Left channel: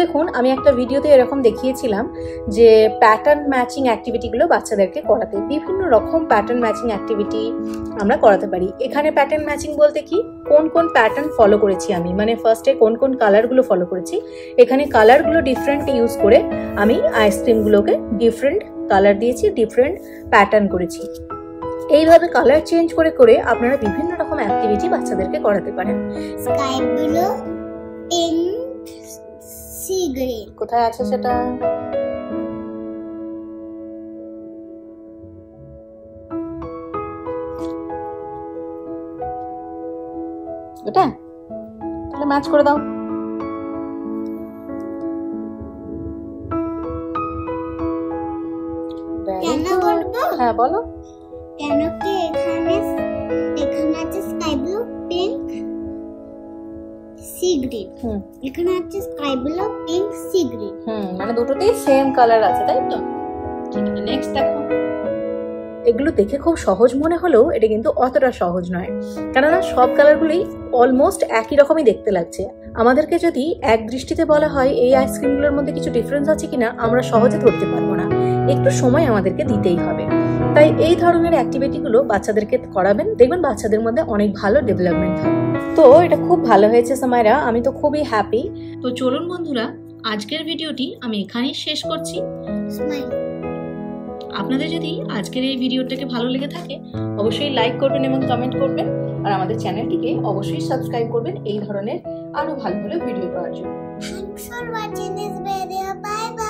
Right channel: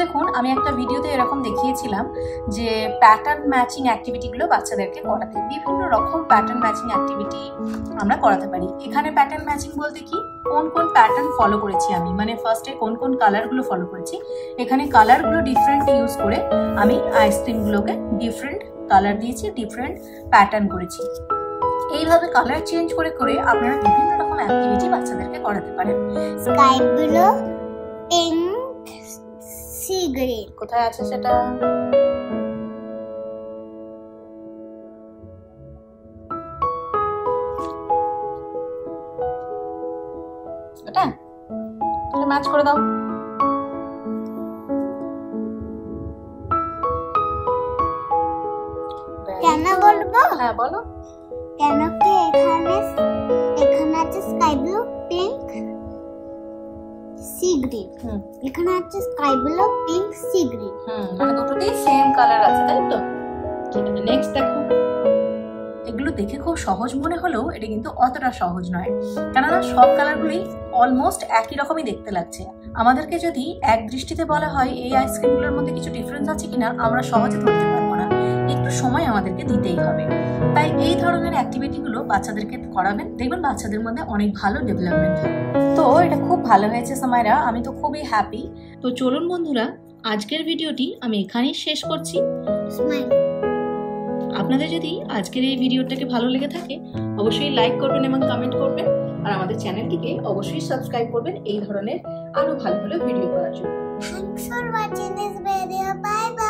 দেখুন আমি একটা ভিডিওতে এরকম দেখিয়েছিলাম যে প্যাটার্ন ম্যাচিং অ্যাক্টিভিটিগুলো বাচ্চাদেরকে করাতে, বিভিন্ন রকম প্যাটার্ন ম্যাচিং অ্যাক্টিভিটি আমরা করাতে পারি। এখানে প্যাটার্ন ম্যাচিং বলতে কি, কোন কোন প্যাটার্ন ফলো করেছি আমি, মানে ফার্স্টে কোন কোন কালারগুলো ফলো করেছি, এখানে কালারগুলো ডিফারেন্ট ইউজ করে আমি আইসক্রিমগুলোকে ডিফারেন্ট কালার দিয়েছি, ডিফারেন্ট প্যাটার্ন করেছি। এইভাবে কালার চেঞ্জ করে করে আপনারা বিভিন্ন রকম অ্যাক্টিভিটি বাচ্চাদেরকে করাতে পারেন। Sky blue, pink, sea green. কোথায় আছে সেটা? এটা তাহলে ম্যাচ করে দাও। কেন বলবো? হ্যাঁ বলো। কেন কি এখানে আছে sky blue, pink, sea green. এখানে আছে sky blue, pink, sea green. মানে দুটোতেই সেম কালার আছে, তাই তো? ঠিক আছে, নেক্সট দেখো। এগুলো দেখে খুব সহজ মনে হলেও এটা কিন্তু অতটা সহজ নয়, কেননা সব কালারগুলোই অলমোস্ট একই রকমই দেখতে লাগছে। আমাদেরকে যদি এক দৃষ্টিতে বলা হয় এই আইসক্রিমগুলোর মধ্যে কিছু ডিফারেন্স আছে কিনা, আমরা সহজে ধরতে পারবো না, একটু সময় আমাদেরকে দিতেই হবে। তাই এই ধরনের অ্যাক্টিভিটিগুলো বাচ্চাদেরকে করাবেন, দেখবেন বাচ্চাদের মধ্যে অনেক ভালো ডেভেলপমেন্ট হয়। তো এটা খুব ভালো হয়েছে সামাইরা, আমি তো খুবই হ্যাপি। তো চলুন বন্ধুরা, আজকের ভিডিওটি আমি এখানেই শেষ করছি। আপনাদের যদি আজকের এই ভিডিওটাকে ভালো লেগে থাকে অবশ্যই লাইক করবেন এবং কমেন্ট করবেন, আর আমাদের চ্যানেলটিকে অবশ্যই সাবস্ক্রাইব করবেন এই ধরনের আরো ভালো ভালো ভিডিও করার জন্য। Thanks for watching this video. Bye bye.